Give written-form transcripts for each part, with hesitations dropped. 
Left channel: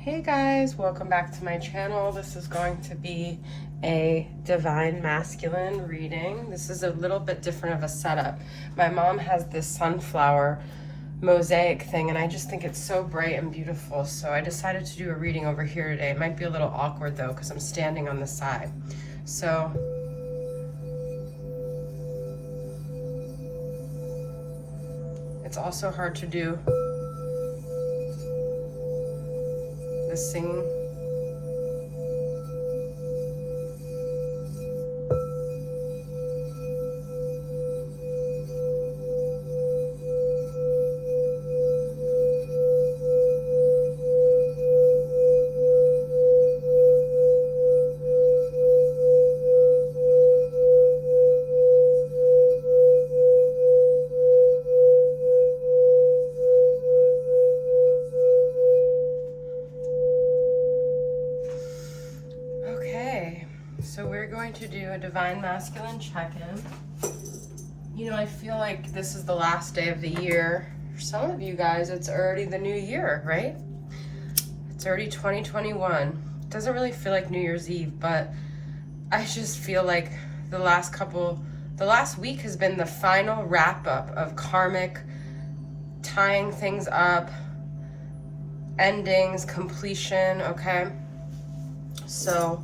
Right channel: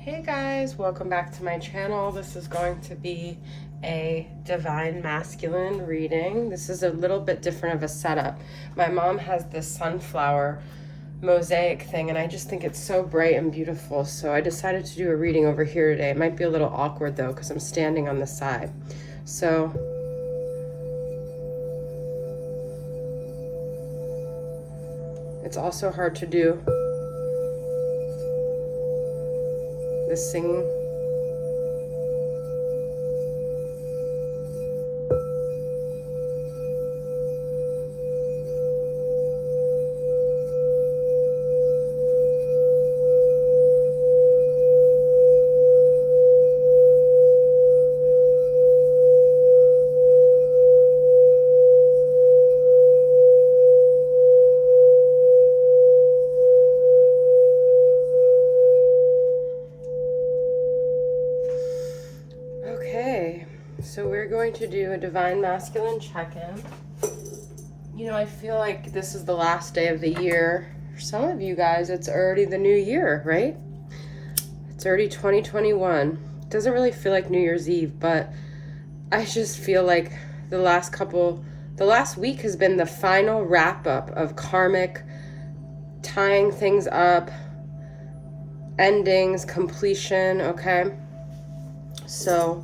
Hey guys, welcome back to my channel. This is going to be a divine masculine reading. This is a little bit different of a setup. My mom has this sunflower mosaic thing and I just think it's so bright and beautiful, so I decided to do a reading over here today. It might be a little awkward though because I'm standing on the side. So it's also hard to do this singing. So we're going to do a divine masculine check-in. You know, I feel like this is the last day of the year. For some of you guys, it's already the new year, right? It's already 2021. It doesn't really feel like New Year's Eve, but I just feel like the last week has been the final wrap-up of karmic, tying things up, endings, completion, okay? So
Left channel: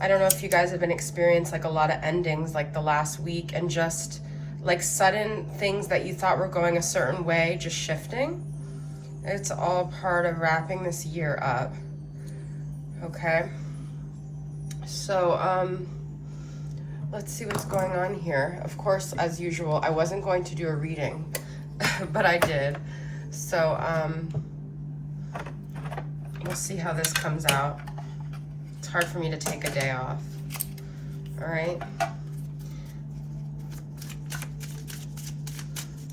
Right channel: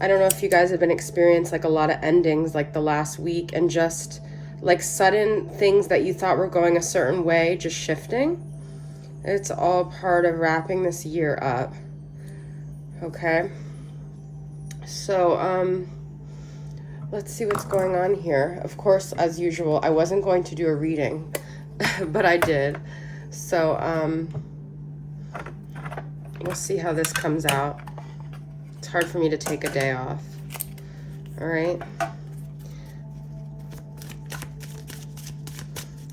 I don't know if you guys have been experiencing like a lot of endings like the last week and just like sudden things that you thought were going a certain way just shifting. It's all part of wrapping this year up. Okay. So let's see what's going on here. Of course, as usual, I wasn't going to do a reading, but I did. So we'll see how this comes out. It's hard for me to take a day off. All right.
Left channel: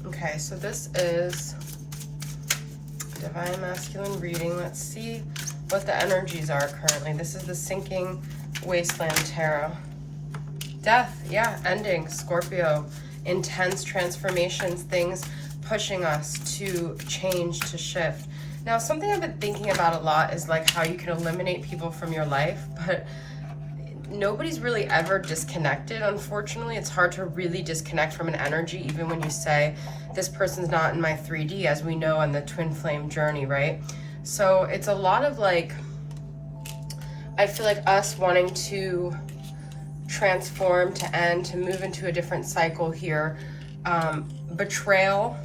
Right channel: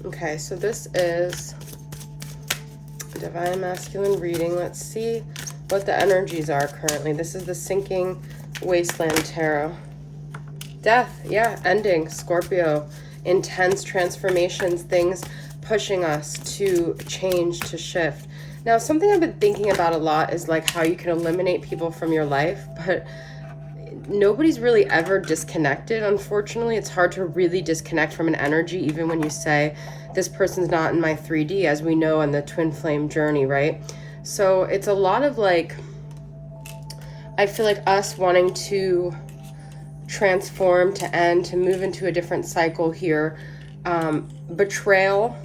Okay, so this is divine masculine reading. Let's see what the energies are currently. This is the Sinking Wasteland Tarot. Death, yeah, ending, Scorpio, intense transformations, things pushing us to change, to shift. Now, something I've been thinking about a lot is like how you can eliminate people from your life, but nobody's really ever disconnected, unfortunately. It's hard to really disconnect from an energy, even when you say, this person's not in my 3D, as we know in the twin flame journey, right? So it's a lot of like, I feel like us wanting to transform, to end, to move into a different cycle here. Betrayal,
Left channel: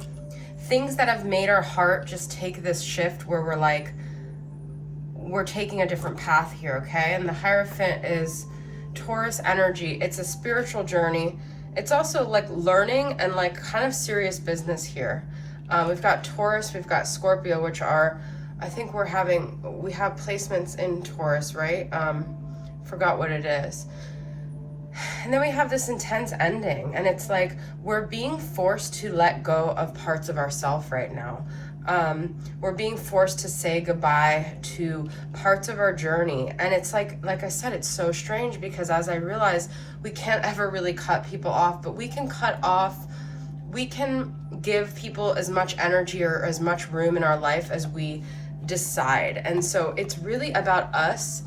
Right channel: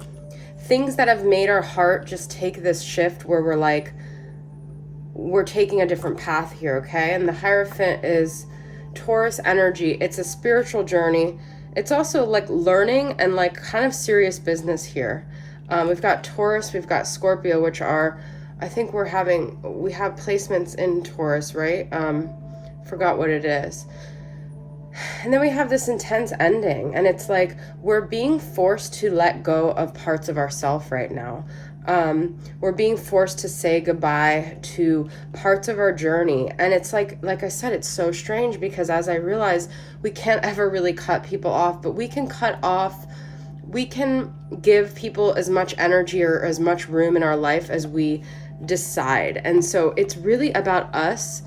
things that have made our heart just take this shift where we're like, we're taking a different path here, okay? And the Hierophant is Taurus energy. It's a spiritual journey. It's also like learning and like kind of serious business here. We've got Taurus, we've got Scorpio, which are, I think we have placements in Taurus, right? Forgot what it is. And then we have this intense ending, and it's like we're being forced to let go of parts of ourselves right now. We're being forced to say goodbye to parts of our journey, and it's like I said, it's so strange because as I realize, we can't ever really cut people off, but we can give people as much energy or as much room in our life as we decide. And so it's really about us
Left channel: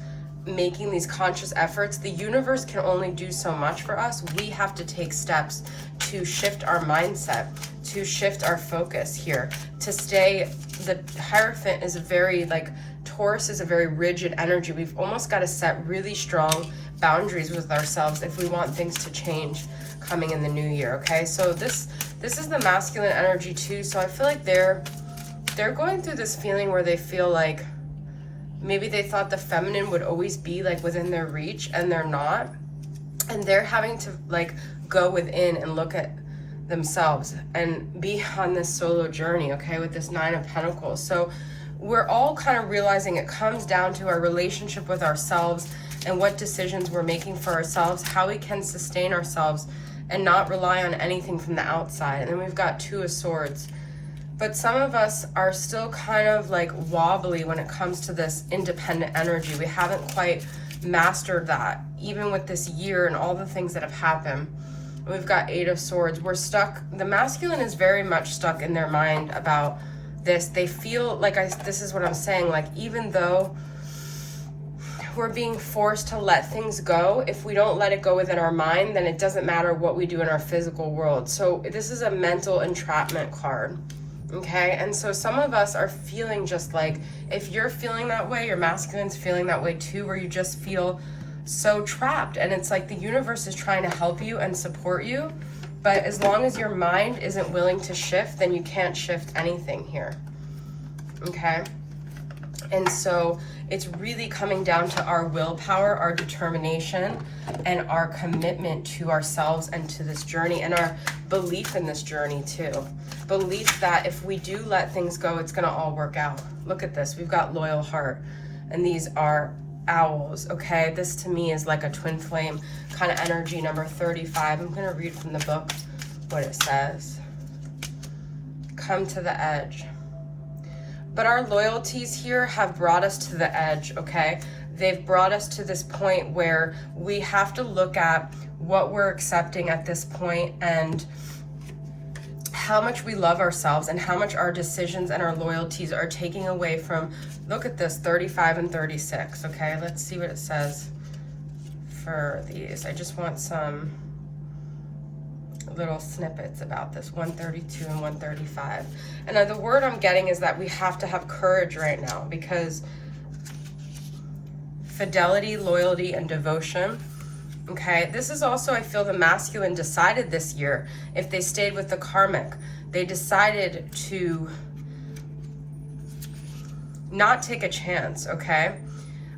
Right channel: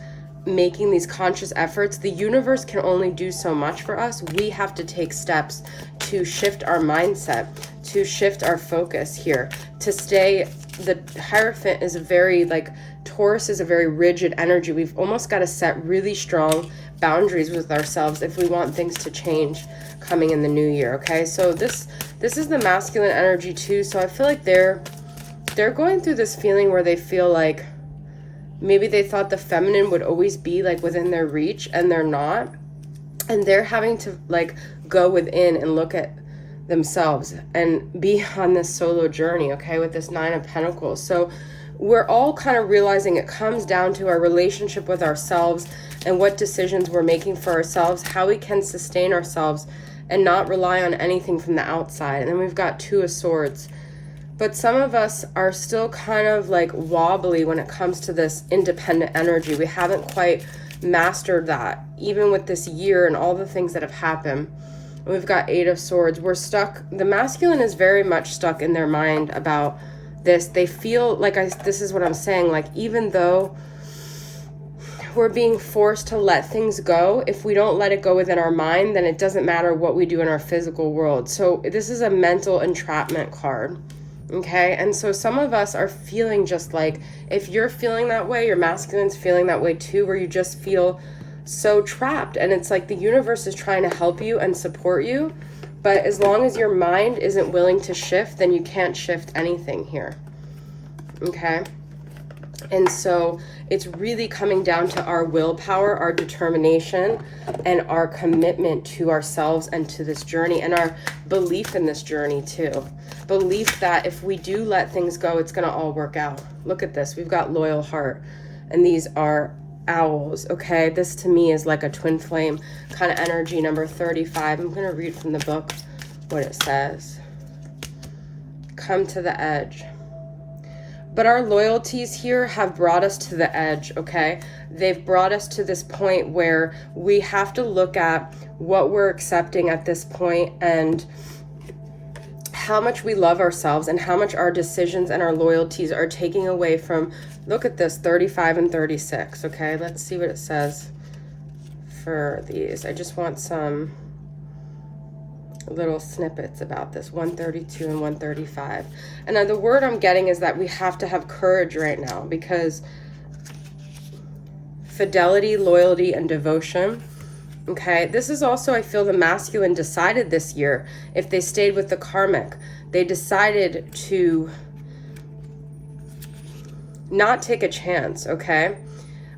making these conscious efforts. The universe can only do so much for us. We have to take steps to shift our mindset, to shift our focus here, to stay. The Hierophant is a very like, Taurus is a very rigid energy. We've almost got to set really strong boundaries with ourselves if we want things to change coming in the new year, okay? So this is the masculine energy too. So I feel like they're going through this feeling where they feel like maybe they thought the feminine would always be like within their reach, and they're not. And they're having to like go within and look at themselves and be on this solo journey, okay, with this Nine of Pentacles. So we're all kind of realizing it comes down to our relationship with ourselves and what decisions we're making for ourselves, how we can sustain ourselves and not rely on anything from the outside. And then we've got Two of Swords. But some of us are still kind of like wobbly when it comes to this independent energy. We haven't quite mastered that, even with this year and all the things that have happened. And we've got Eight of Swords. We're stuck. The masculine is very much stuck in their mind about this, they feel like, this is what I'm saying, like even though we're being forced to let things go, if we don't let it go within our mind, then it doesn't matter what we do in our physical world. So this is a mental entrapment card. Okay, and so some of us are feeling just like, if you're feeling that way, your masculine's feeling that way too, where you just feel so trapped, and it's like the universe is trying to help you and support you, but as long as your mind isn't willing to shift, then you can't shift anything here. Okay, and so it's really coming down to our willpower, our determination, and our commitment to ourselves and to this journey, and our belief in this journey too. Belief that if we do let things go, it's going to all work out. Look at this. We've got loyal heart, and these are owls. Okay, this to me is like a twin flame kind of energy, number 35. I'm going to read from the book what it says. Come to the edge. But our loyalties here have brought us to the edge, okay? They've brought us to this point where we have to look at what we're accepting at this point, and how much we love ourselves, and how much our decisions and our loyalties are taking away from, look at this, 35 and 36, okay? Let's see what it says for these. I just want some little snippets about this, 132 and 135. And the word I'm getting is that we have to have courage right now, because fidelity, loyalty, and devotion. Okay, this is also, I feel the masculine decided this year, if they stayed with the karmic, they decided to not take a chance, okay?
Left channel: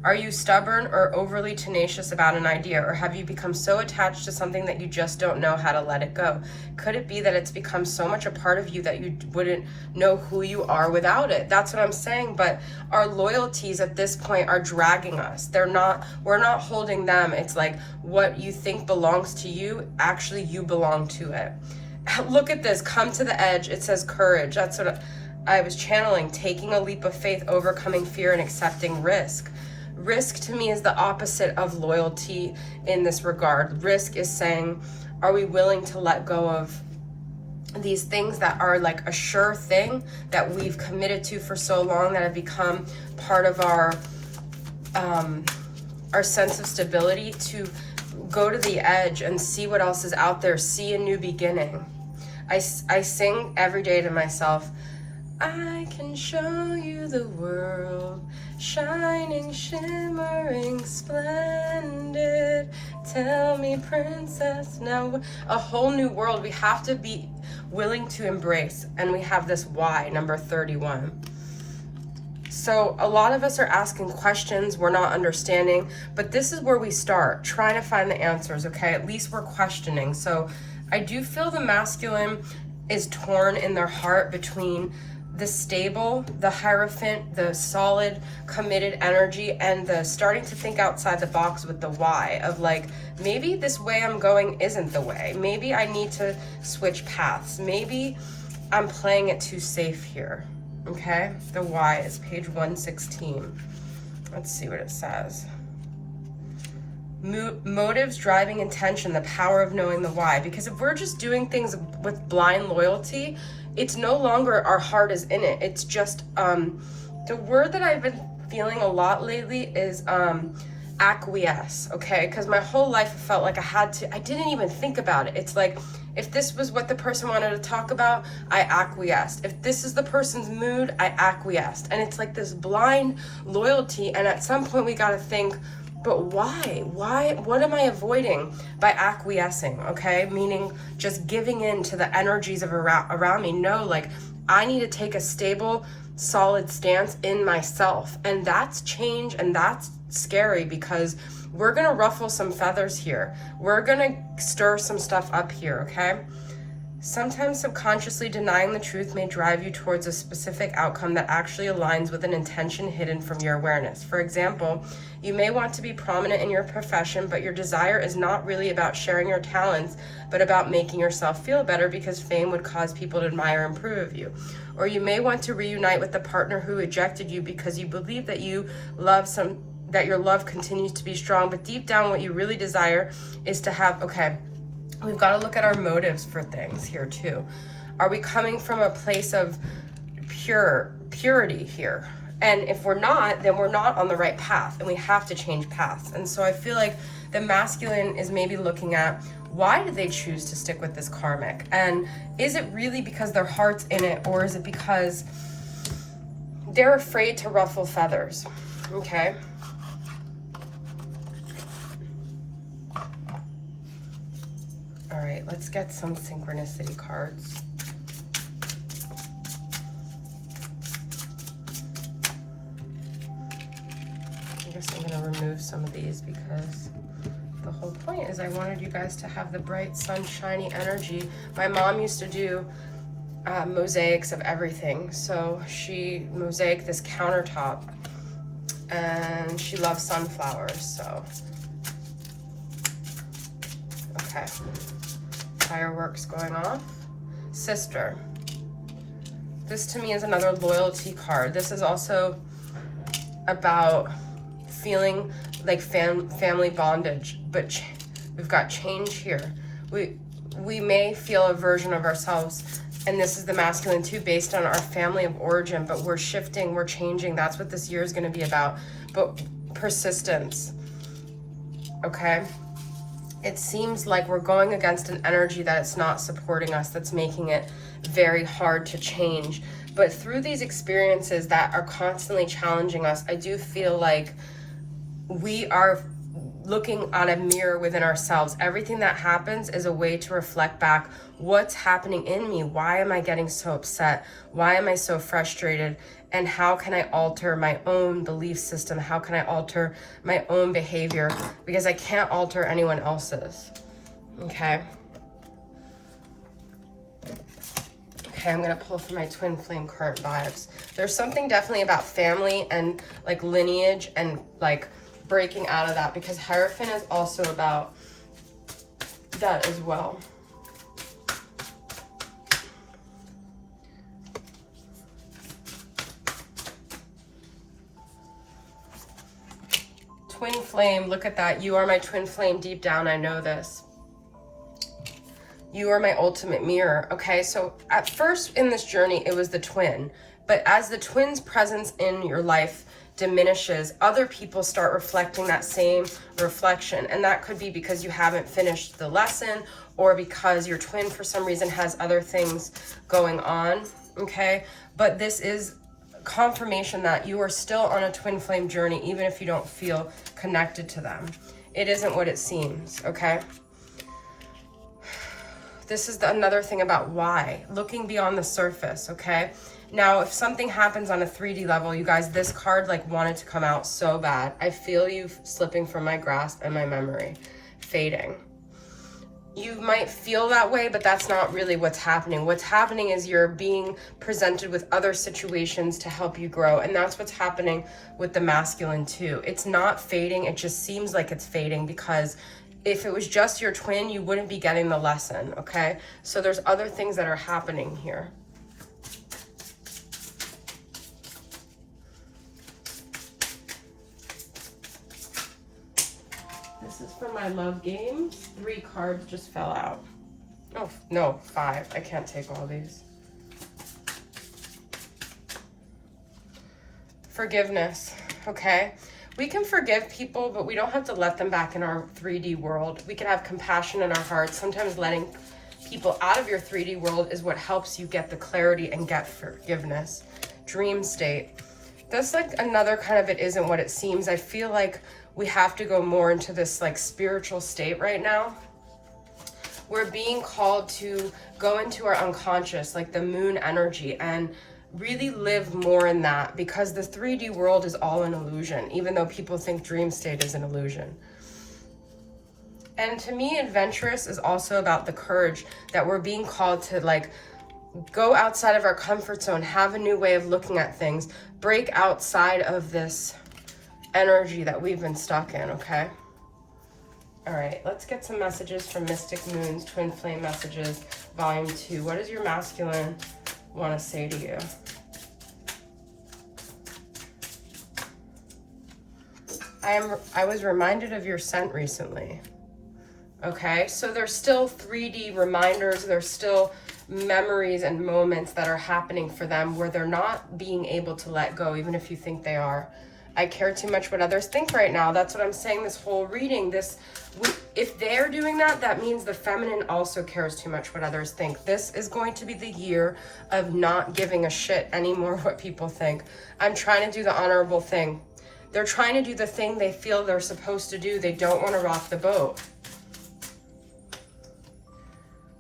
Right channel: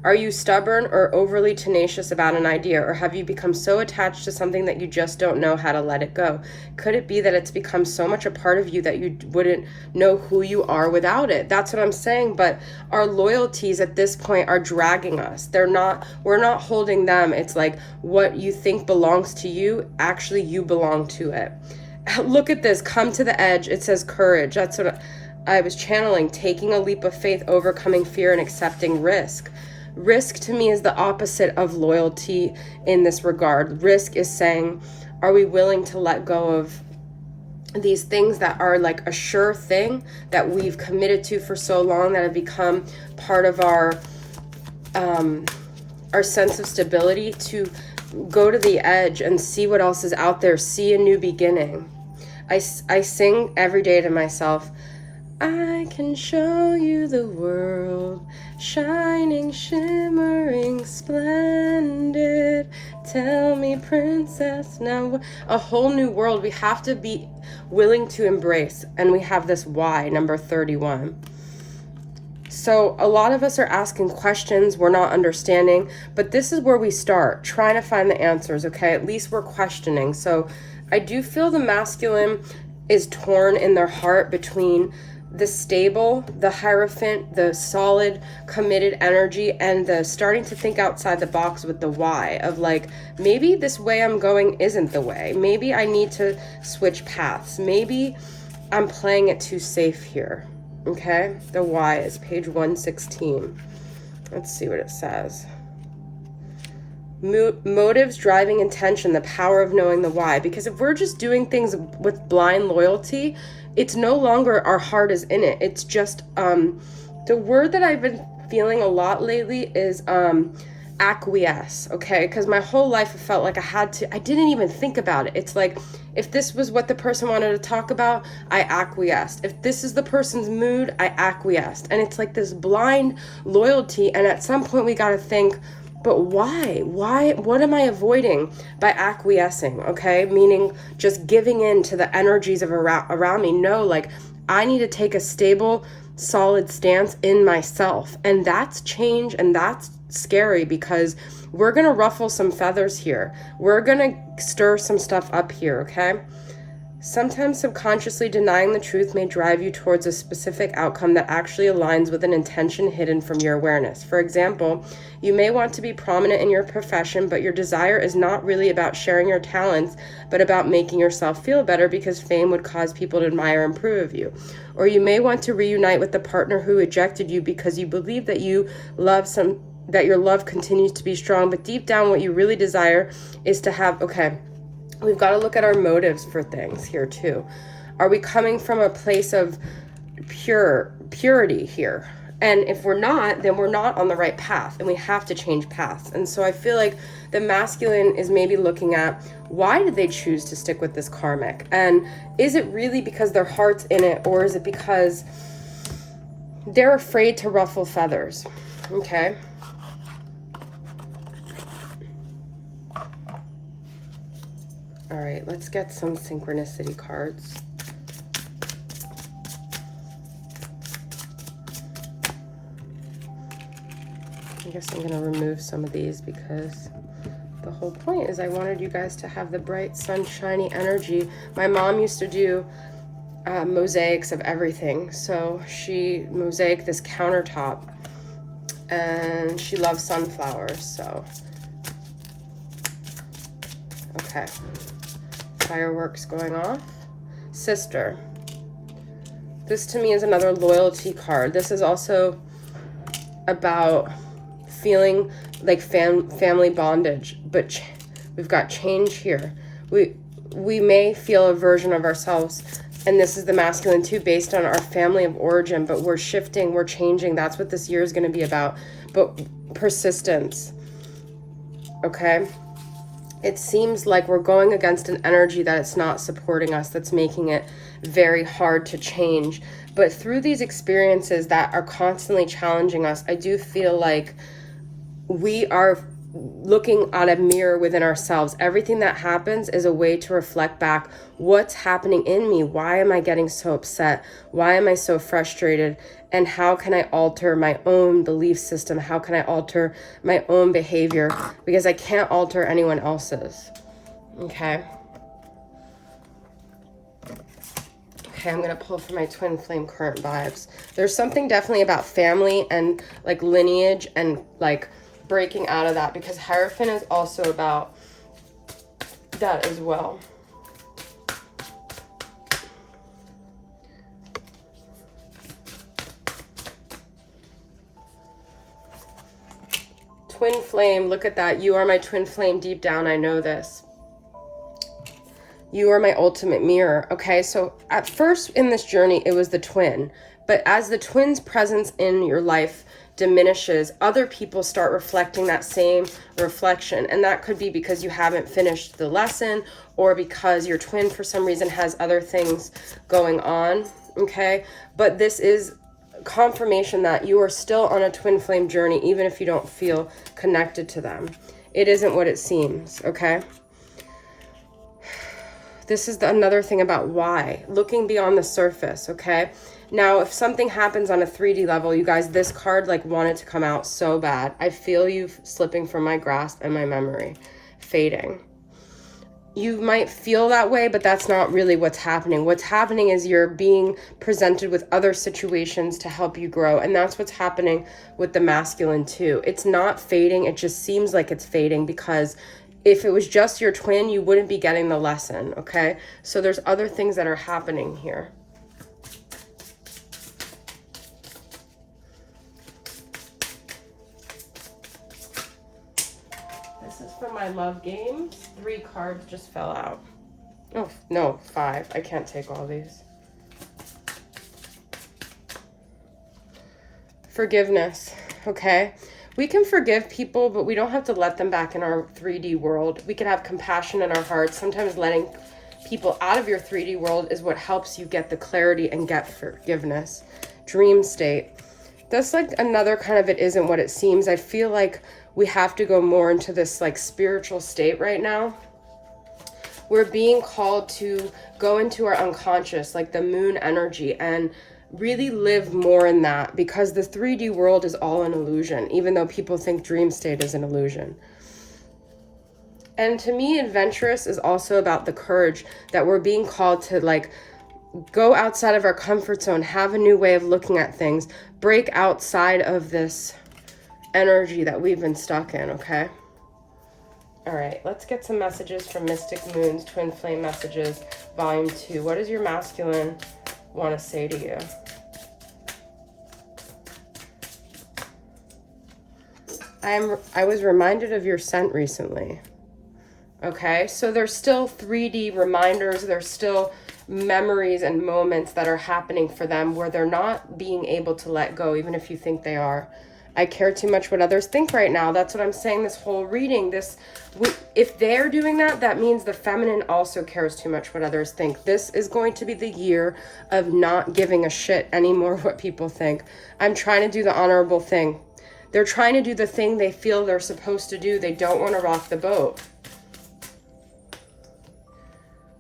Are you stubborn or overly tenacious about an idea, or have you become so attached to something that you just don't know how to let it go? Could it be that it's become so much a part of you that you wouldn't know who you are without it? That's what I'm saying. But our loyalties at this point are dragging us. We're not holding them. It's like what you think belongs to you, actually you belong to it. Look at this, come to the edge. It says courage. That's what I was channeling, taking a leap of faith, overcoming fear, and accepting risk. Risk to me is the opposite of loyalty in this regard. Risk is saying, are we willing to let go of these things that are like a sure thing that we've committed to for so long, that have become part of our sense of stability, to go to the edge and see what else is out there, see a new beginning. I sing every day to myself, I can show you the world, shining, shimmering, splendid. Tell me, princess, now. A whole new world we have to be willing to embrace. And we have this why, number 31. So a lot of us are asking questions we're not understanding, but this is where we start, trying to find the answers, okay? At least we're questioning. So I do feel the masculine is torn in their heart between the stable, the Hierophant, the solid, committed energy, and the starting to think outside the box with the why of like, maybe this way I'm going isn't the way. Maybe I need to switch paths. Maybe I'm playing it too safe here. Okay? The why is page 116. Let's see what it says. Motives, driving intention, the power of knowing the why. Because if we're just doing things with blind loyalty, it's no longer our heart is in it. It's just, the word that I've been feeling a lot lately is acquiesce, okay? Because my whole life I felt like I didn't even think about it. It's like, if this was what the person wanted to talk about, I acquiesced. If this is the person's mood, I acquiesced. And it's like this blind loyalty, and at some point we gotta think, but why? What am I avoiding by acquiescing, okay? Meaning just giving in to the energies of around me. No, like, I need to take a stable, solid stance in myself. And that's change, and that's scary, because we're gonna ruffle some feathers here. We're gonna stir some stuff up here, okay? Sometimes subconsciously denying the truth may drive you towards a specific outcome that actually aligns with an intention hidden from your awareness. For example, you may want to be prominent in your profession, but your desire is not really about sharing your talents, but about making yourself feel better because fame would cause people to admire and approve of you. Or you may want to reunite with the partner who rejected you because you believe that your love continues to be strong, but deep down what you really desire is to have, okay, we've got to look at our motives for things here too. Are we coming from a place of purity here. And if we're not, then we're not on the right path, and we have to change paths. And so I feel like the masculine is maybe looking at, why did they choose to stick with this karmic? And is it really because their heart's in it, or is it because they're afraid to ruffle feathers? Okay. All right, let's get some synchronicity cards. I guess I'm going to remove some of these because the whole point is I wanted you guys to have the bright, sunshiny energy. My mom used to do mosaics of everything. So she mosaicked this countertop, and she loves sunflowers. So, okay. Fireworks going off. Sister. This to me is another loyalty card. This is also about feeling like family bondage, but we've got change here. We may feel a version of ourselves, and this is the masculine too, based on our family of origin, but we're shifting, we're changing. That's what this year is going to be about. But persistence, okay? It seems like we're going against an energy that it's not supporting us, that's making it very hard to change. But through these experiences that are constantly challenging us, I do feel like we are looking at a mirror within ourselves. Everything that happens is a way to reflect back what's happening in me. Why am I getting so upset? Why am I so frustrated? And how can I alter my own belief system? How can I alter my own behavior? Because I can't alter anyone else's. Okay. Okay, I'm going to pull for my twin flame current vibes. There's something definitely about family and like lineage and like breaking out of that, because Hierophant is also about that as well. Twin flame, look at that. You are my twin flame deep down. I know this. You are my ultimate mirror. Okay, so at first in this journey, it was the twin. But as the twin's presence in your life diminishes, other people start reflecting that same reflection. And that could be because you haven't finished the lesson, or because your twin for some reason has other things going on. Okay, but this is confirmation that you are still on a twin flame journey, even if you don't feel connected to them. It isn't what it seems. Okay. This is another thing about why. Looking beyond the surface, okay? Now, if something happens on a 3D level, you guys, this card like wanted to come out so bad. I feel you slipping from my grasp and my memory, fading. You might feel that way, but that's not really what's happening. What's happening is you're being presented with other situations to help you grow. And that's what's happening with the masculine too. It's not fading. It just seems like it's fading, because if it was just your twin, you wouldn't be getting the lesson, okay? So there's other things that are happening here. This is for my love games. 3 cards just fell out. Oh, no, 5. I can't take all these. Forgiveness, okay? We can forgive people, but we don't have to let them back in our 3D world. We can have compassion in our hearts. Sometimes letting people out of your 3D world is what helps you get the clarity and get forgiveness. Dream state. That's like another kind of it isn't what it seems. I feel like we have to go more into this like spiritual state right now. We're being called to go into our unconscious, like the moon energy, and really live more in that, because the 3D world is all an illusion, even though people think dream state is an illusion. And to me, adventurous is also about the courage that we're being called to, like, go outside of our comfort zone, have a new way of looking at things, break outside of this energy that we've been stuck in, okay? All right, let's get some messages from Mystic Moons, Twin Flame Messages, Volume 2. What does your masculine want to say to you? I was reminded of your scent recently. Okay, so there's still 3D reminders. There's still memories and moments that are happening for them where they're not being able to let go, even if you think they are. I care too much what others think right now. That's what I'm saying this whole reading. If they're doing that, that means the feminine also cares too much what others think. This is going to be the year of not giving a shit anymore what people think. I'm trying to do the honorable thing. They're trying to do the thing they feel they're supposed to do. They don't want to rock the boat.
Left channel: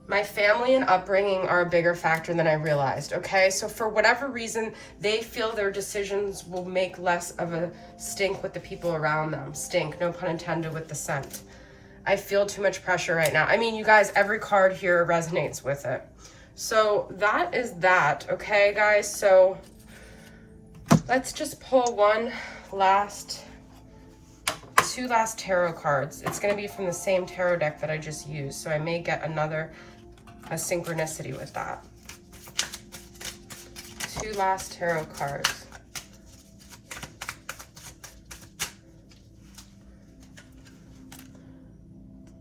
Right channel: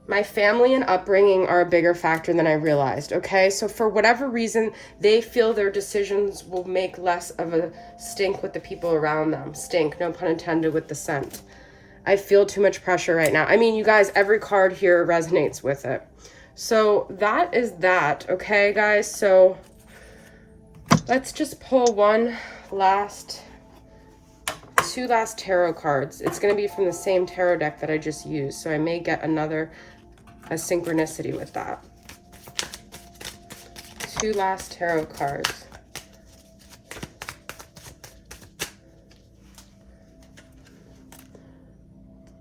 My family and upbringing are a bigger factor than I realized, okay? So for whatever reason, they feel their decisions will make less of a stink with the people around them. Stink, no pun intended, with the scent. I feel too much pressure right now. I mean, you guys, every card here resonates with it. So that is that, okay, guys? So let's just pull two last tarot cards. It's going to be from the same tarot deck that I just used, so I may get a synchronicity with that. Two last tarot cards.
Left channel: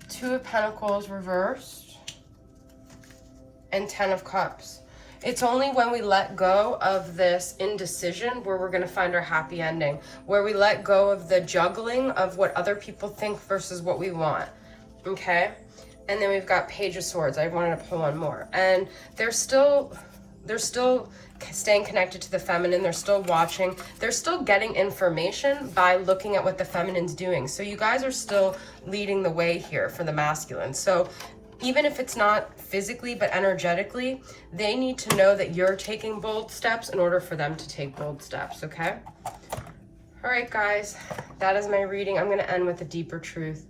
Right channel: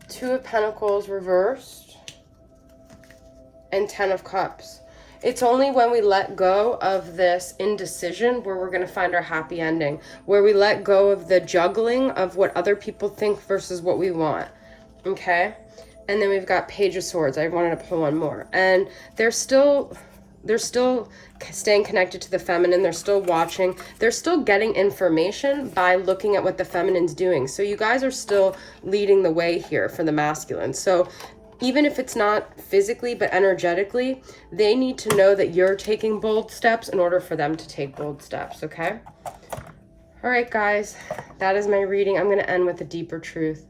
Two of Pentacles reversed and 10 of Cups. It's only when we let go of this indecision where we're going to find our happy ending, where we let go of the juggling of what other people think versus what we want, okay? And then we've got Page of Swords. I wanted to pull one more. And they're still staying connected to the feminine. They're still watching. They're still getting information by looking at what the feminine's doing. So you guys are still leading the way here for the masculine. So even if it's not physically but energetically, they need to know that you're taking bold steps in order for them to take bold steps, okay? All right, guys, that is my reading. I'm going to end with a deeper truth.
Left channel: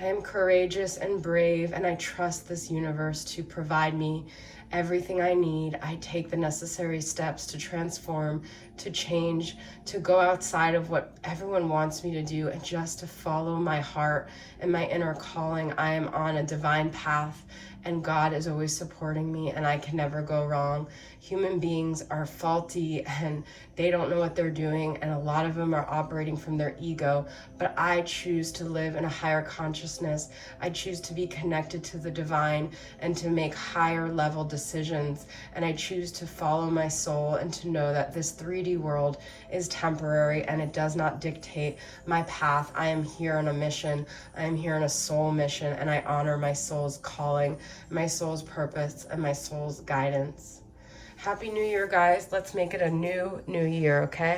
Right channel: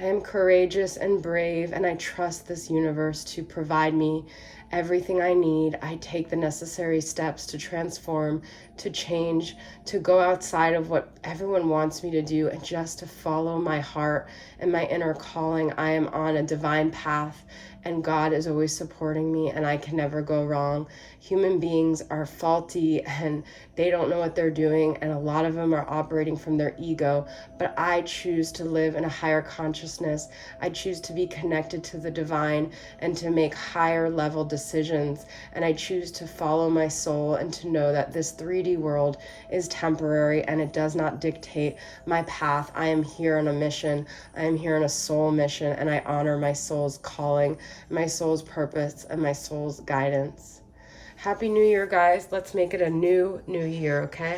I am courageous and brave, and I trust this universe to provide me everything I need. I take the necessary steps to transform, to change, to go outside of what everyone wants me to do, and just to follow my heart and my inner calling. I am on a divine path, and God is always supporting me, and I can never go wrong. Human beings are faulty, and they don't know what they're doing, and a lot of them are operating from their ego, but I choose to live in a higher consciousness. I choose to be connected to the divine and to make higher level decisions, and I choose to follow my soul and to know that this 3D world is temporary and it does not dictate my path. I am here on a mission. I am here on a soul mission, and I honor my soul's calling, my soul's purpose, and my soul's guidance. Happy New Year, guys. Let's make it a new year, okay?